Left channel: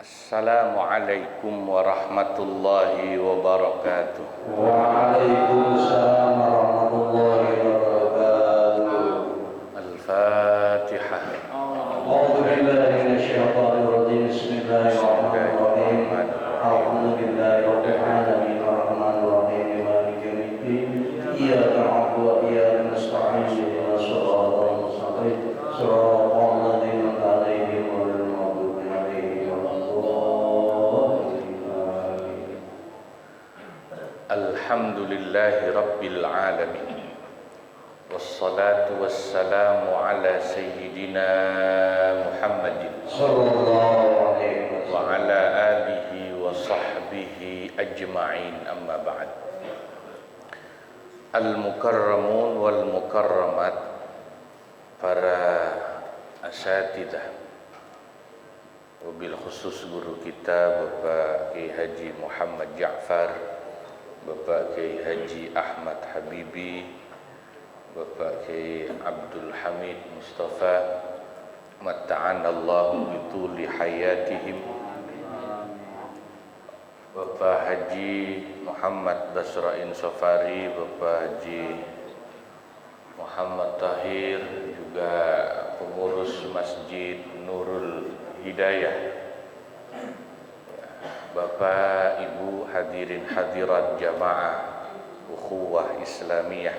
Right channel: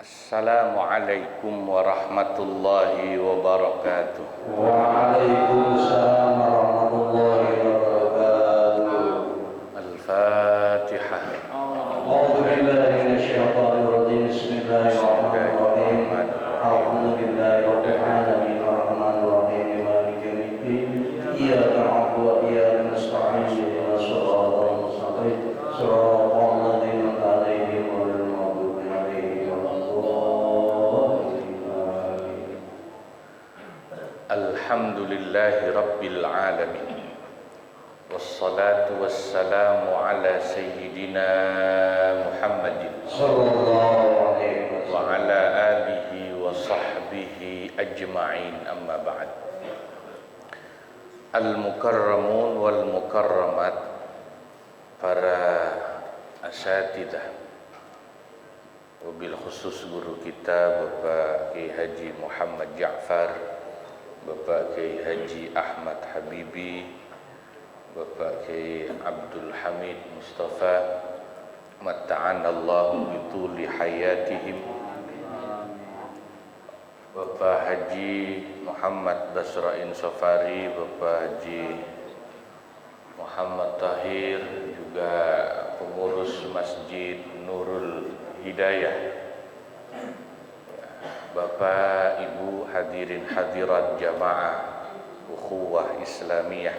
Assalamualaikum warahmatullahi wabarakatuh. Waalaikumsalam warahmatullahi wabarakatuh. Al-Fatihah. A'udzu billahi minasyaitonir rajim. Bismillahirrahmanirrahim. Alhamdulillahi rabbil alamin arrahmanir rahim maliki yaumiddin. Iyyaka na'budu wa iyyaka nasta'in ihdinas siratal mustaqim. Shiratal ladzina an'amta 'alaihim ghairil maghdubi 'alaihim waladdallin. Alhamdulillahi rabbil alamin. Wassalatu wassalamu ala sayyidina Muhammadin Sallallahu alaihi wa wasallam. ala alihi wa sahbihi ajma'in, amma ba'd. Al-mukarramun wal mukarramat, para asatidah, wabil khusus guru kita Bapak Kiai Haji Muhammad Ja'far, Bapak Kiai Haji Ahmad Habibi, Bapak Kiai Abdul Hamid Mustafa, matta'anallahu bituli hayatihim, Bapak Haji Muhammad Basrain Safari, Bapak Haji Muhammad Tahir, juga pengurus Masjid Nurul Hidayah, Bapak Ibu hadirin hadirat jamaah ukhuwah Islamiyah,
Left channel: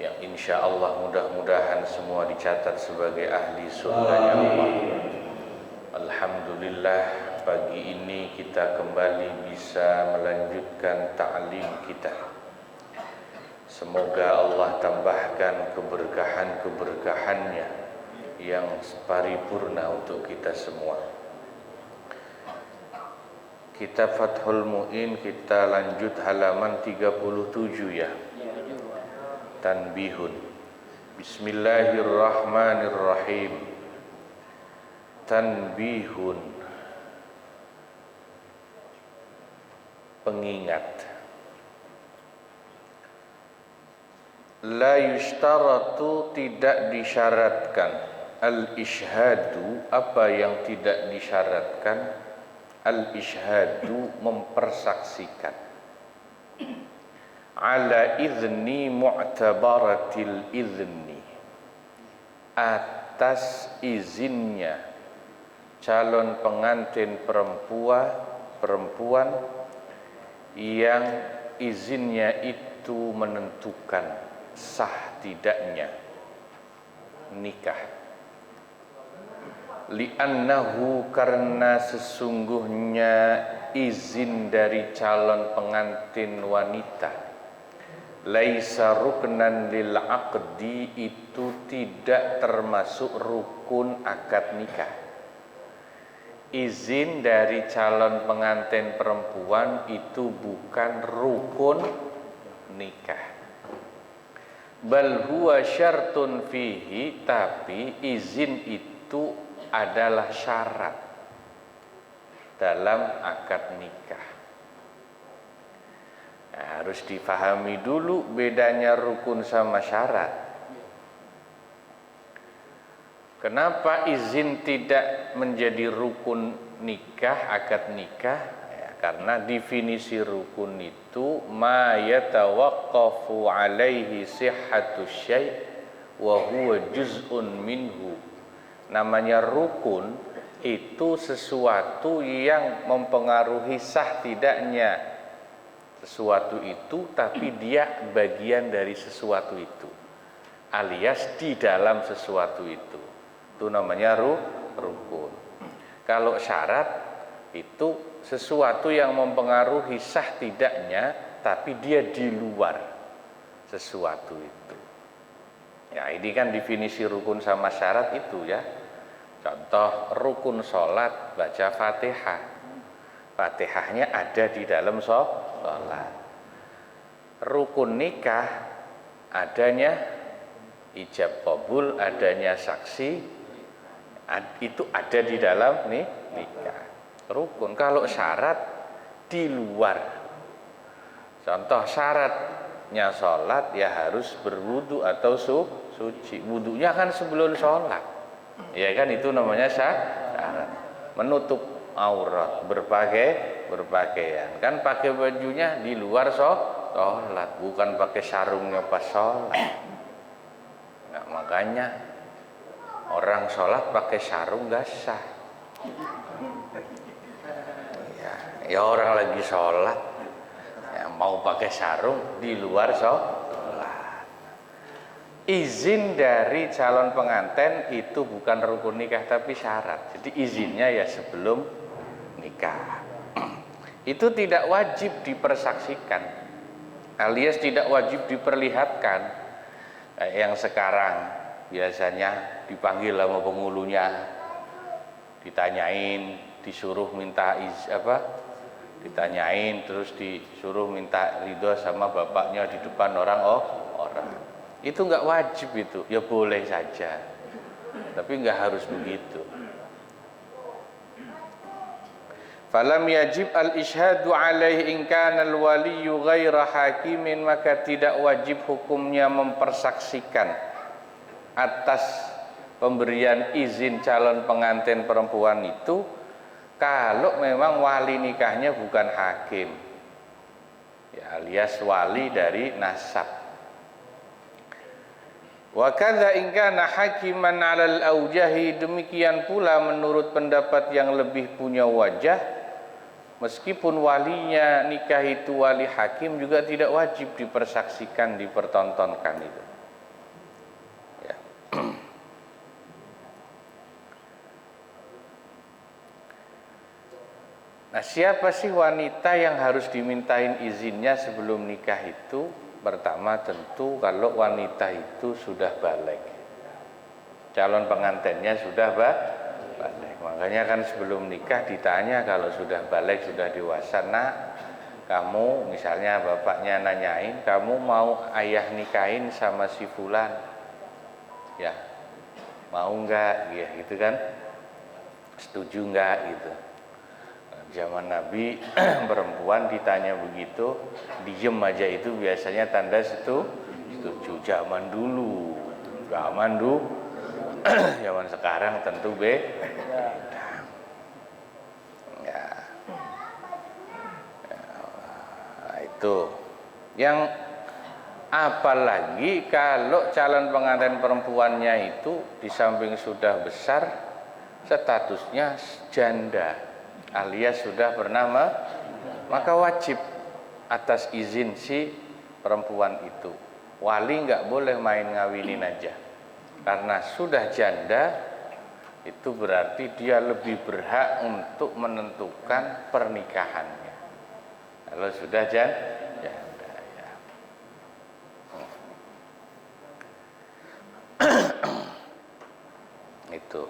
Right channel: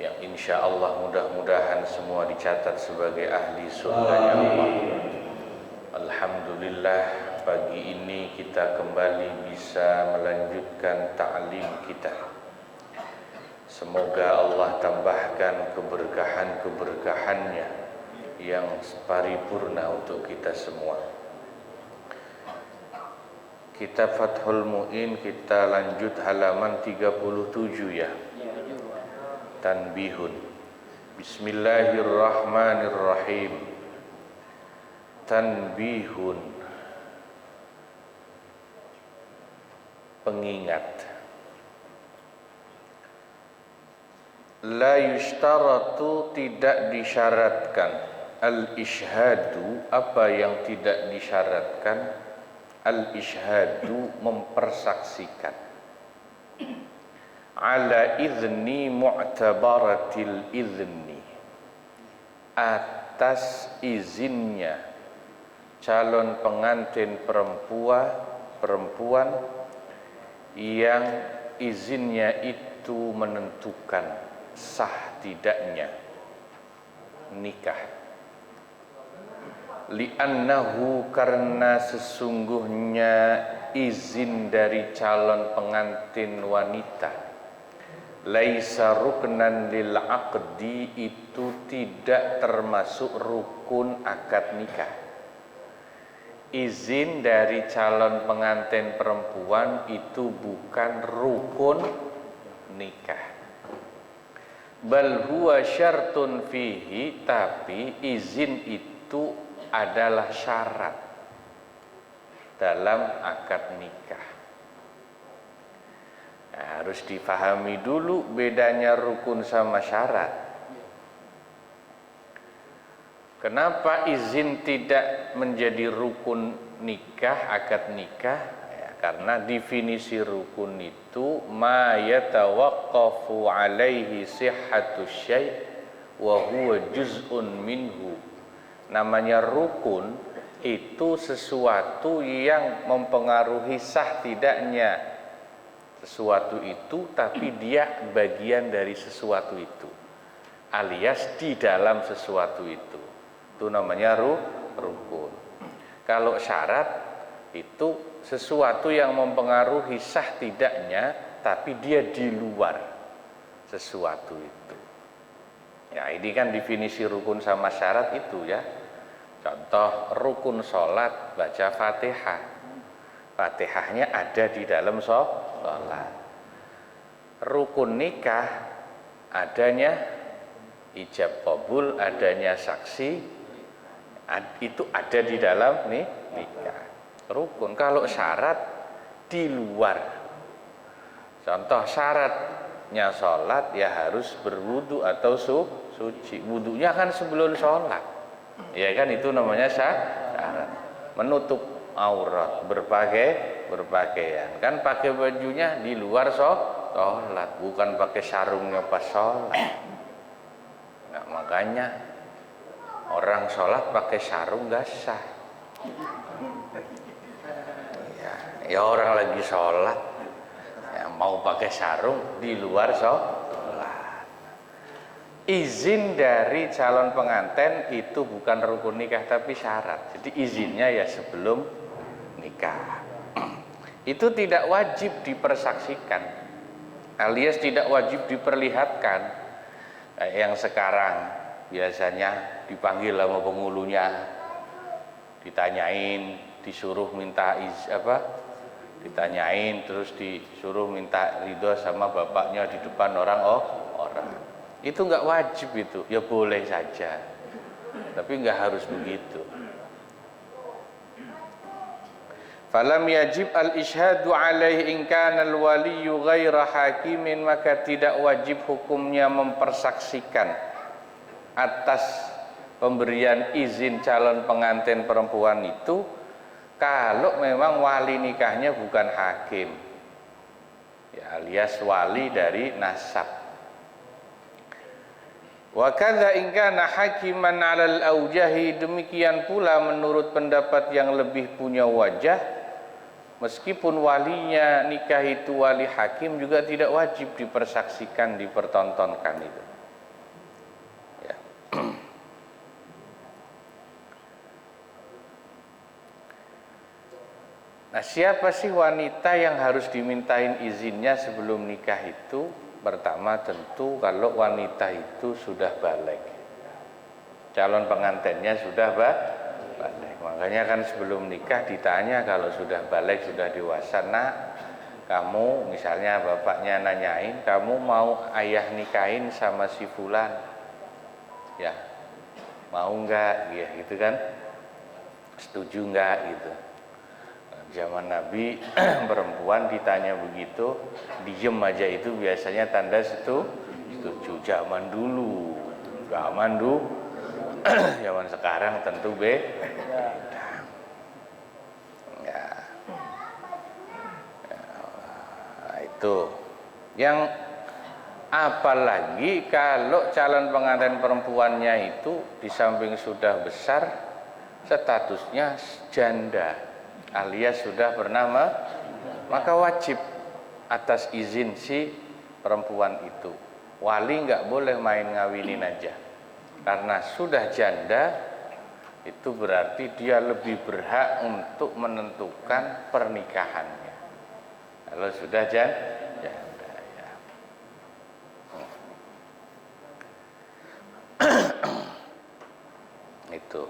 yang insya Allah mudah-mudahan semua dicatat sebagai ahli surganya Allah. Alhamdulillah, pagi ini kita kembali bisa melanjutkan ta'lim kita. Semoga Allah tambahkan keberkahan-keberkahannya yang paripurna untuk kita semua. Kitab Fathul Mu'in kita lanjut halaman 37 ya. Tanbihun. Bismillahirrahmanirrahim. Tanbihun, pengingat. La yushtaratu, tidak disyaratkan. Al-ishhadu, apa yang tidak disyaratkan? Al-ishhadu, mempersaksikan. Ala idzni mu'tabaratil idzni, atas izinnya calon pengantin perempuan yang izinnya itu menentukan sah tidaknya nikah. Li'annahu, karena sesungguhnya izin dari calon pengantin wanita, laisa ruknan lil aqdi, itu tidak termasuk rukun akad nikah. Izin dari calon pengantin perempuan itu bukan rukun nikah. Bal huwa syartun fihi, tapi izin itu adalah syarat dalam akad nikah. Nah, harus difahami dulu bedanya rukun sama syarat. Kenapa izin tidak menjadi rukun nikah, akad nikah? Ya, karena definisi rukun itu ma yatawaqqafu alaihi sihhatu syai' wa huwa juz'un minhu. Namanya rukun itu sesuatu yang mempengaruhi sah tidaknya sesuatu itu, tapi dia bagian dari sesuatu itu, alias di dalam sesuatu itu. Itu namanya rukun. Kalau syarat itu sesuatu yang mempengaruhi sah tidaknya, tapi dia di luar sesuatu itu. Ya, ini kan definisi rukun sama syarat itu ya. Contoh rukun sholat, baca Fatihah. Fatihahnya ada di dalam sholat. Rukun nikah adanya ijab qabul, adanya saksi, itu ada di dalam nikah. Rukun. Kalau syarat di luar. Contoh syaratnya sholat ya harus berwudu atau suci. Wudunya kan sebelum sholat. Ya kan, itu namanya syarat. menutup aurat, berpakaian. Kan pakai bajunya di luar sholat, bukan pakai sarungnya pas sholat. Nah, makanya orang sholat pakai sarung gak sah. Ya orang lagi sholat, ya mau pakai sarung di luar sholat. Izin dari calon pengantin itu bukan rukun nikah tapi syarat. Jadi izinnya ya sebelum nikah. Itu tidak wajib dipersaksikan, alias tidak wajib diperlihatkan. Yang sekarang biasanya dipanggil sama penghulunya, ditanyain, disuruh minta ditanyain, terus disuruh minta ridho sama bapaknya di depan orang. Itu nggak wajib itu, ya boleh saja, tapi nggak harus begitu. Falam yajib al-ishhadu alaihi in kana al-waliyyu ghaira hakimin, maka tidak wajib hukumnya mempersaksikan atas pemberian izin calon pengantin perempuan itu kalau memang wali nikahnya bukan hakim, ya alias wali dari nasab. Wa kadza in kana hakiman 'alal aujahi, demikian pula menurut pendapat yang lebih punya wajah, meskipun walinya nikah itu wali hakim juga tidak wajib dipersaksikan, dipertontonkan itu. Ya. Nah, siapa sih wanita yang harus dimintain izinnya sebelum nikah itu? Pertama tentu kalau wanita itu sudah balik, calon pengantinnya sudah balik. Makanya kan sebelum nikah ditanya, kalau sudah balik, sudah dewasa, nak, kamu misalnya bapaknya nanyain, kamu mau ayah nikahin sama si fulan, ya mau enggak, ya gitu kan, setuju enggak gitu. Zaman Nabi perempuan ditanya begitu, diem aja itu biasanya tanda setuju. Zaman dulu, zaman sekarang tentu beda. Ya. Nah, itu yang apalagi kalau calon pengantin perempuannya itu di samping sudah besar, statusnya janda alias sudah bernama, maka wajib atas izin si perempuan itu. Wali nggak boleh main ngawinin aja, karena sudah janda itu berarti dia lebih berhak untuk menentukan pernikahannya. Kalau sudah janda ya. Itu.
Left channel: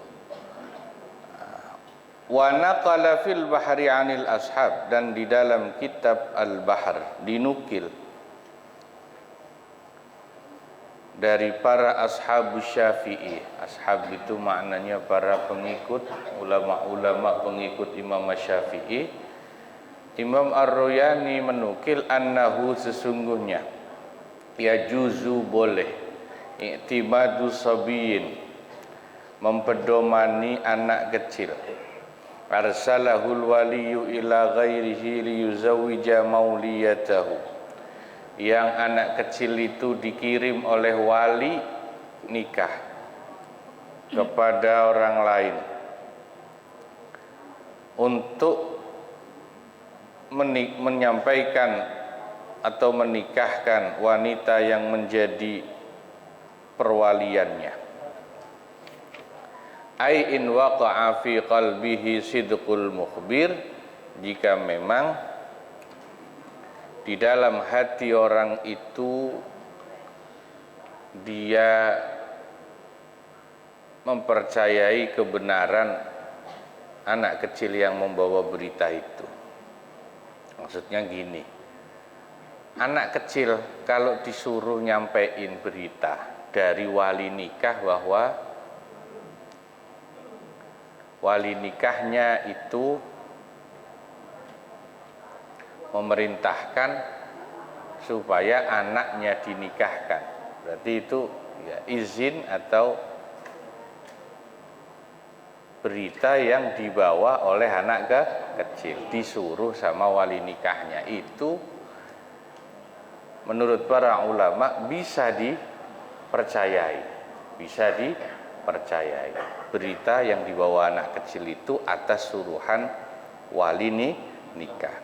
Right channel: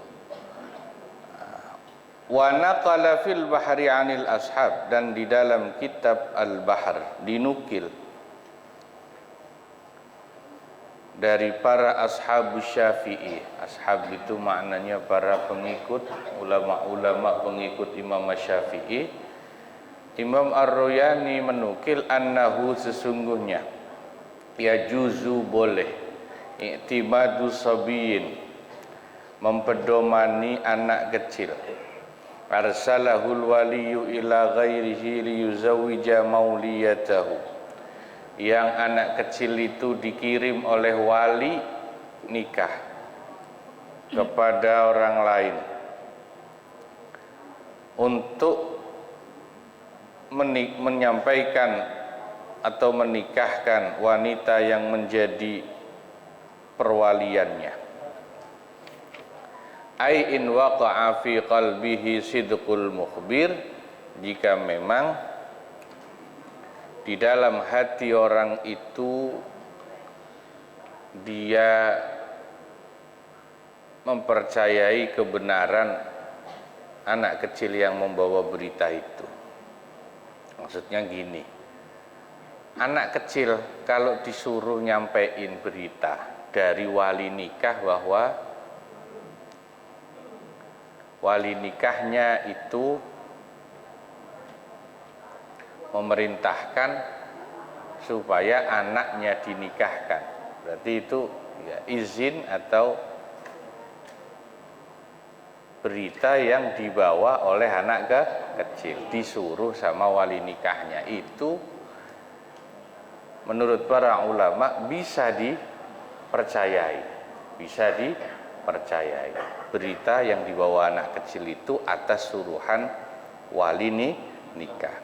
Wa naqala fil bahri 'anil ashab, dan di dalam kitab Al-Bahr dinukil dari para ashab Syafi'i. Ashab itu maknanya para pengikut, ulama-ulama pengikut Imam Syafi'i. Imam Ar-Royani menukil annahu, sesungguhnya ya juzu boleh i'timadu sabiyin, mempedomani anak kecil, arsalahul waliyu ila ghairihi liyuzawwija mauliyatahu, yang anak kecil itu dikirim oleh wali nikah kepada orang lain untuk menyampaikan atau menikahkan wanita yang menjadi perwaliannya. Ai in waqa'a fi qalbihi sidqul mukhbir, jika memang di dalam hati orang itu dia mempercayai kebenaran anak kecil yang membawa berita itu. Maksudnya gini, anak kecil kalau disuruh nyampein berita dari wali nikah bahwa wali nikahnya itu memerintahkan supaya anaknya dinikahkan, berarti itu ya izin atau berita yang dibawa oleh anak kecil, disuruh sama wali nikahnya. Itu menurut para ulama bisa dipercayai, bisa dipercayai. Berita yang dibawa anak kecil itu atas suruhan wali nikah.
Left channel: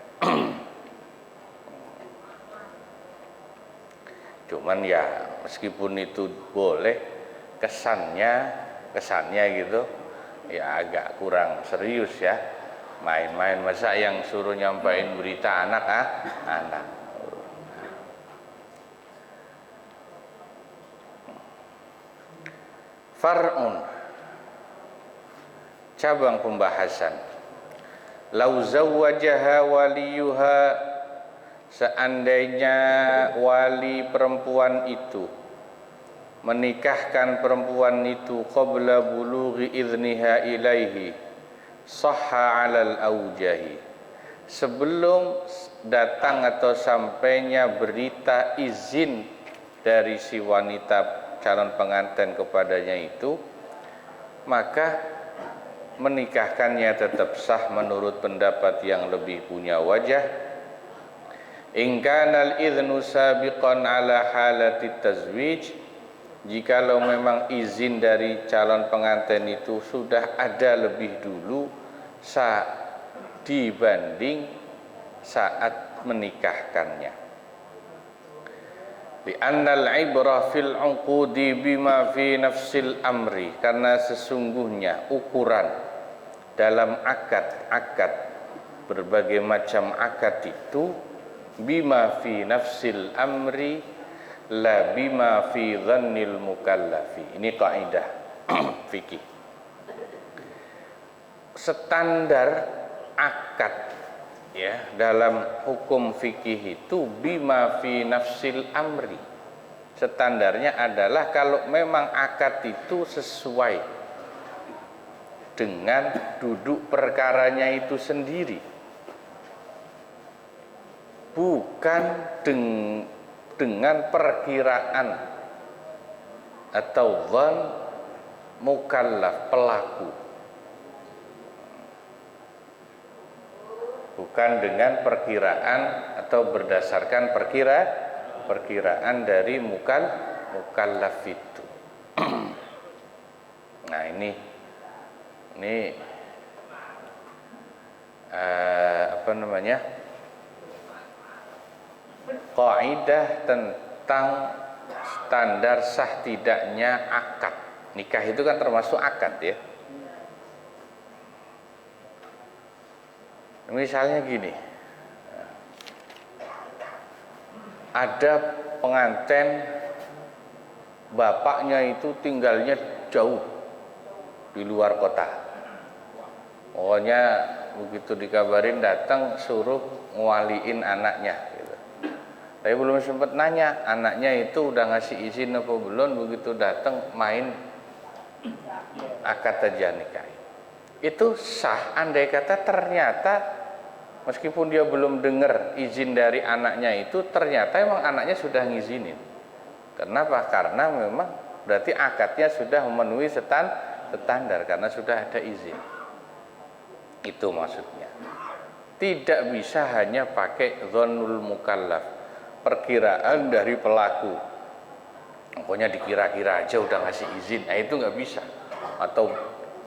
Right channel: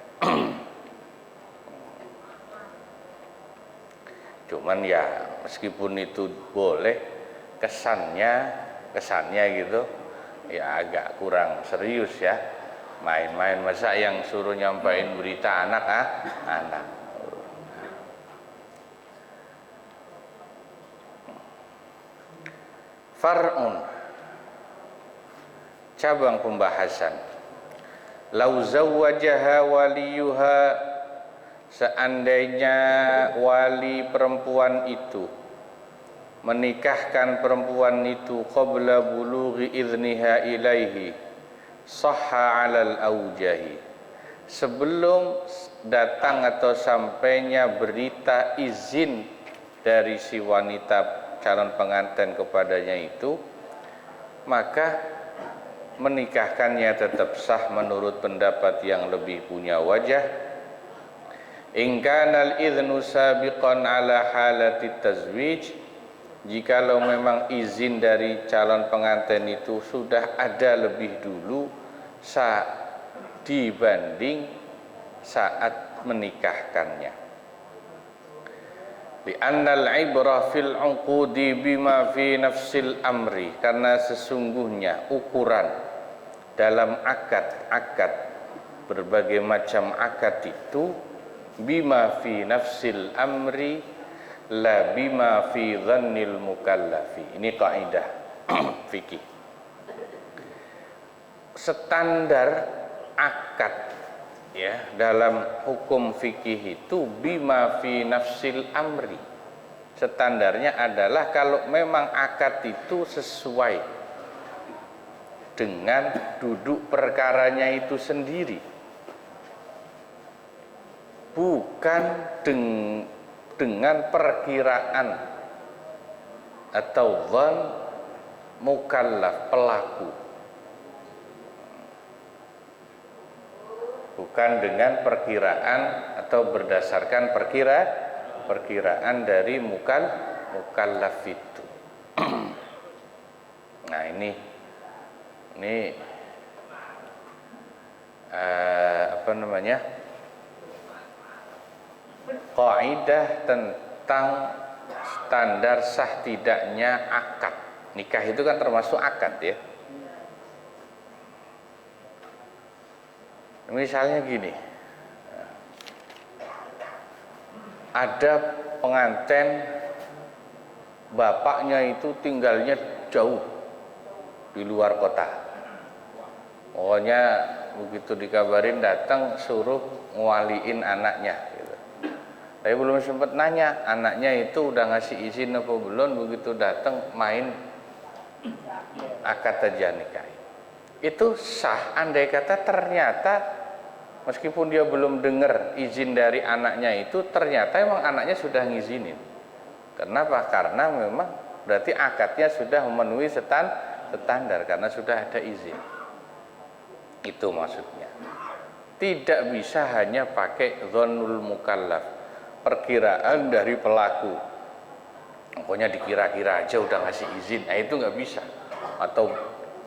Cuman ya meskipun itu boleh, kesannya gitu ya agak kurang serius ya, main-main. Masa yang suruh nyampain berita anak anak. Far'un, cabang pembahasan. Lau zawwajaha waliyuha, seandainya wali perempuan itu menikahkan perempuan itu qabla bulughi idniha ilaihi, sahha 'alal aujahi, sebelum datang atau sampainya berita izin dari si wanita calon pengantin kepadanya itu, maka menikahkannya tetap sah menurut pendapat yang lebih punya wajah. In kana al-idhnu sabiqan ala halati tazwij, jikalau memang izin dari calon pengantin itu sudah ada lebih dulu dibanding saat menikahkannya. Li'annal ibrah fil 'uqudi bima fi nafsil amri, karena sesungguhnya ukuran dalam akad berbagai macam akad itu bima fi nafsil amri la bima fi dhannil mukallafi. Ini kaidah fikih. Standar akad ya dalam hukum fikih itu bima fi nafsil amri. Standarnya adalah kalau memang akad itu sesuai dengan duduk perkaranya itu sendiri, bukan dengan perkiraan atau dhann mukallaf, pelaku, bukan dengan perkiraan atau berdasarkan perkiraan dari mukallaf itu. Nah ini apa namanya, kaidah tentang standar sah tidaknya akad nikah. Itu kan termasuk akad ya. Misalnya gini, ada pengantin bapaknya itu tinggalnya jauh di luar kota. Pokoknya begitu dikabarin datang suruh ngwaliin anaknya gitu. Tapi belum sempat nanya anaknya itu udah ngasih izin apa belum, begitu datang main akad aja nikah. Itu sah andai kata ternyata meskipun dia belum dengar izin dari anaknya itu, ternyata emang anaknya sudah ngizinin. Kenapa? Karena memang berarti akadnya sudah memenuhi standar karena sudah ada izin. Itu maksudnya. Tidak bisa hanya pakai dhannul mukallaf, perkiraan dari pelaku. Pokoknya dikira-kira aja udah ngasih izin. Nah itu nggak bisa. Atau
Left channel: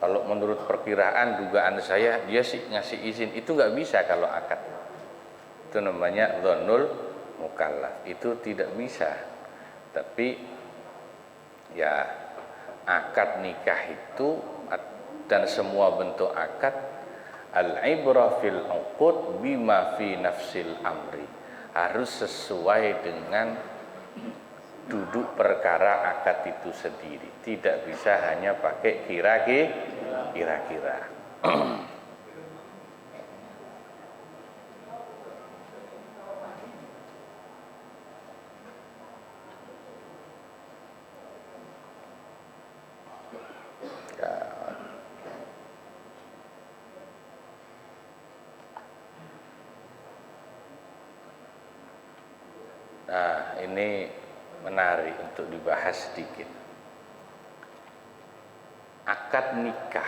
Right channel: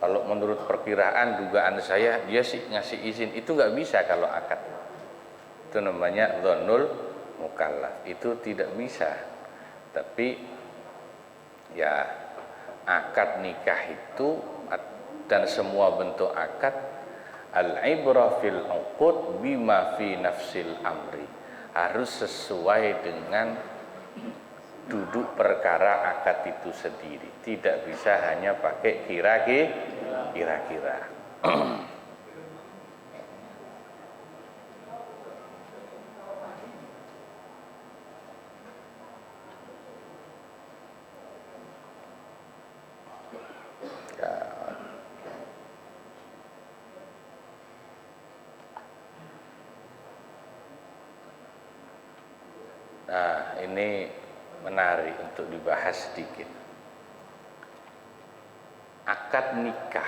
kalau menurut perkiraan dugaan saya dia sih ngasih izin, itu nggak bisa kalau akad. Itu namanya dhannul mukallaf. Itu tidak bisa. Tapi ya akad nikah itu dan semua bentuk akad, al-ibrah fil uqud bima fi nafsil amri, harus sesuai dengan duduk perkara akad itu sendiri. Tidak bisa hanya pakai kira-kira. Nah, ini menarik untuk dibahas sedikit. Akad nikah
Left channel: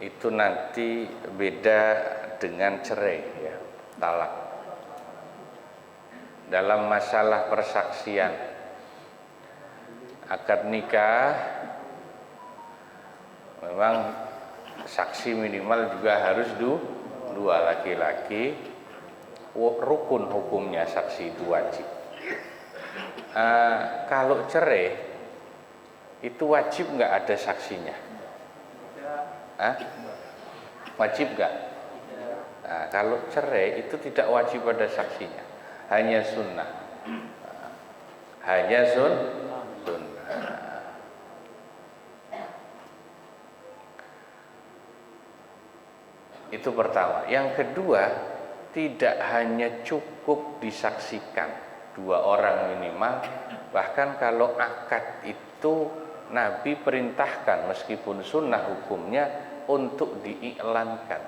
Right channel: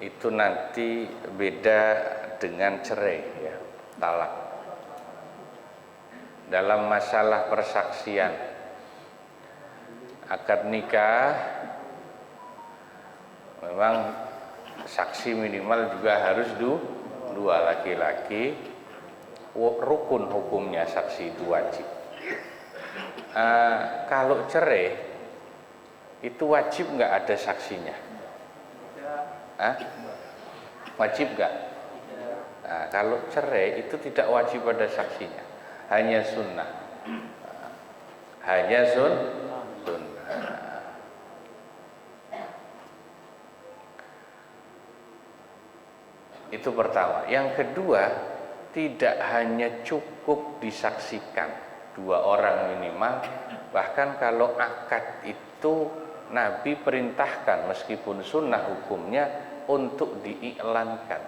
itu nanti beda dengan cerai ya, talak. Dalam masalah persaksian, akad nikah memang saksi minimal juga harus dua laki-laki, rukun hukumnya saksi itu wajib. Kalau cerai itu wajib nggak ada saksinya? Wajib nggak? Nah, kalau cerai itu tidak wajib ada saksinya, hanya sunnah. Hanya sunnah. Itu pertama. Yang kedua, tidak hanya cukup disaksikan 2 orang minimal, bahkan kalau akad itu Nabi perintahkan meskipun sunnah hukumnya untuk diiklankan,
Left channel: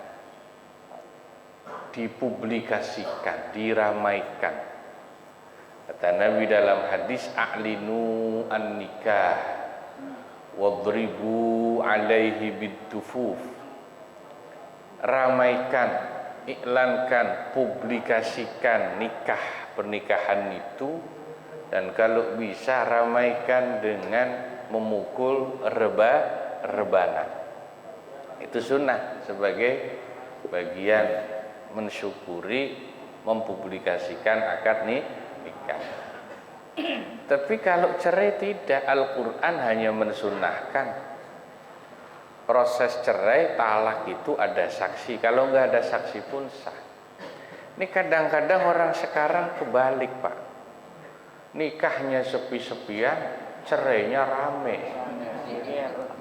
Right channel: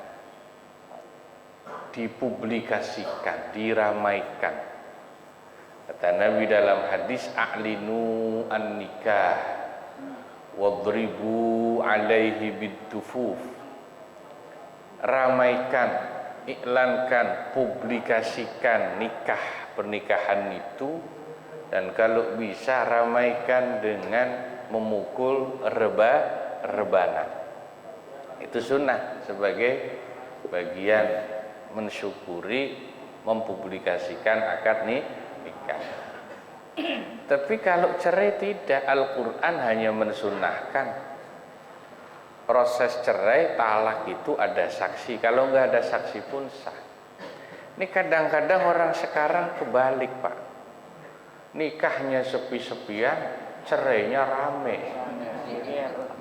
dipublikasikan, diramaikan. Kata Nabi dalam hadis, a'linu an-nikah wadribu alaihi bid-dufuf. Ramaikan, iklankan, publikasikan nikah, pernikahan itu, dan kalau bisa ramaikan dengan memukul rebana. Itu sunnah sebagai bagian mensyukuri mempublikasikan akad nikah. Tapi kalau cerai tidak, Al-Quran hanya mensunnahkan proses cerai, talak itu ada saksi. Kalau nggak ada saksi pun sah. Ini kadang-kadang orang sekarang kebalik, Pak. Nikahnya sepi-sepian, cerainya rame,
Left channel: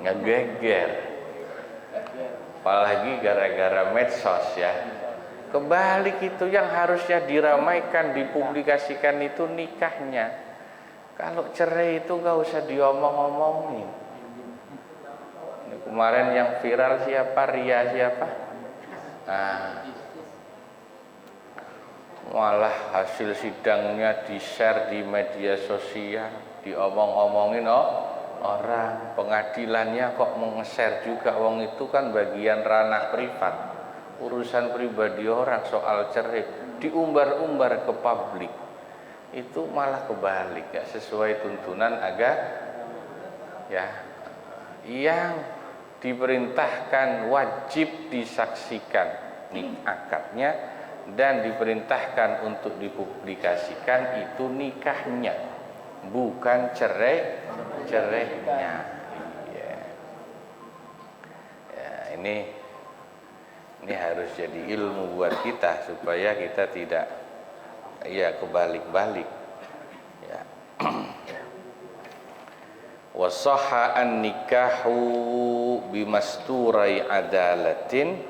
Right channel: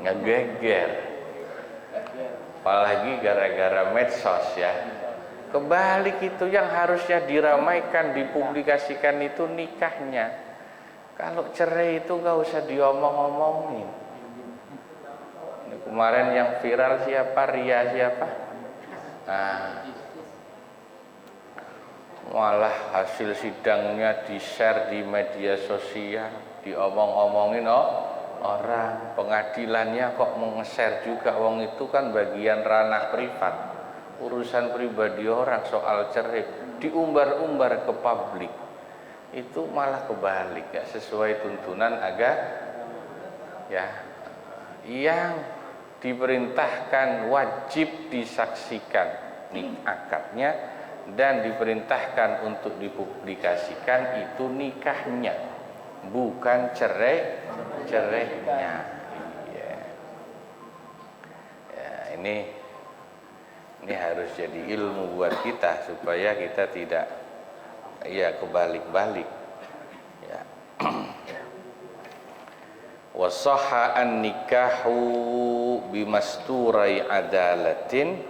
ngegeger. Apalagi gara-gara medsos ya. Kebalik itu, yang harusnya diramaikan, dipublikasikan itu nikahnya. Kalau cerai itu nggak usah diomong-omongin. Kemarin yang viral siapa? Ria siapa? Malah hasil sidangnya di-share di media sosial, diomong-omongin orang. Pengadilannya kok nge-share juga, wong itu kan bagian ranah privat, urusan pribadi orang. Soal cerai diumbar-umbar ke publik, itu malah kebalik, gak sesuai tuntunan agama ya. Yang diperintahkan wajib disaksikan akadnya dan diperintahkan untuk dipublikasikan itu nikahnya, bukan cerainya. Ya. Ya, ini harus jadi ilmu buat kita supaya kita tidak kebalik-balik. Ya. Wasahha an-nikahu bimasturai adalatin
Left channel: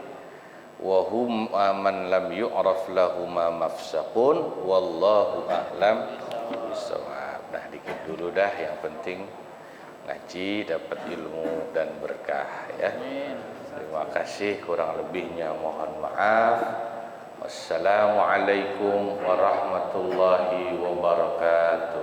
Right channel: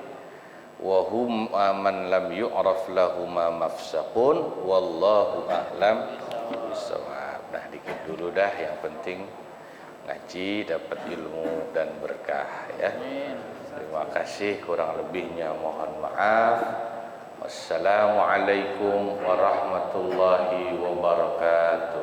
wa hum man lam yu'raf lahuma mafsaqun wallahu a'lam bissawab. Nah, dikit dulu dah, yang penting ngaji dapat ilmu dan berkah ya. Terima kasih, kurang lebihnya mohon maaf. Wassalamualaikum warahmatullahi wabarakatuh.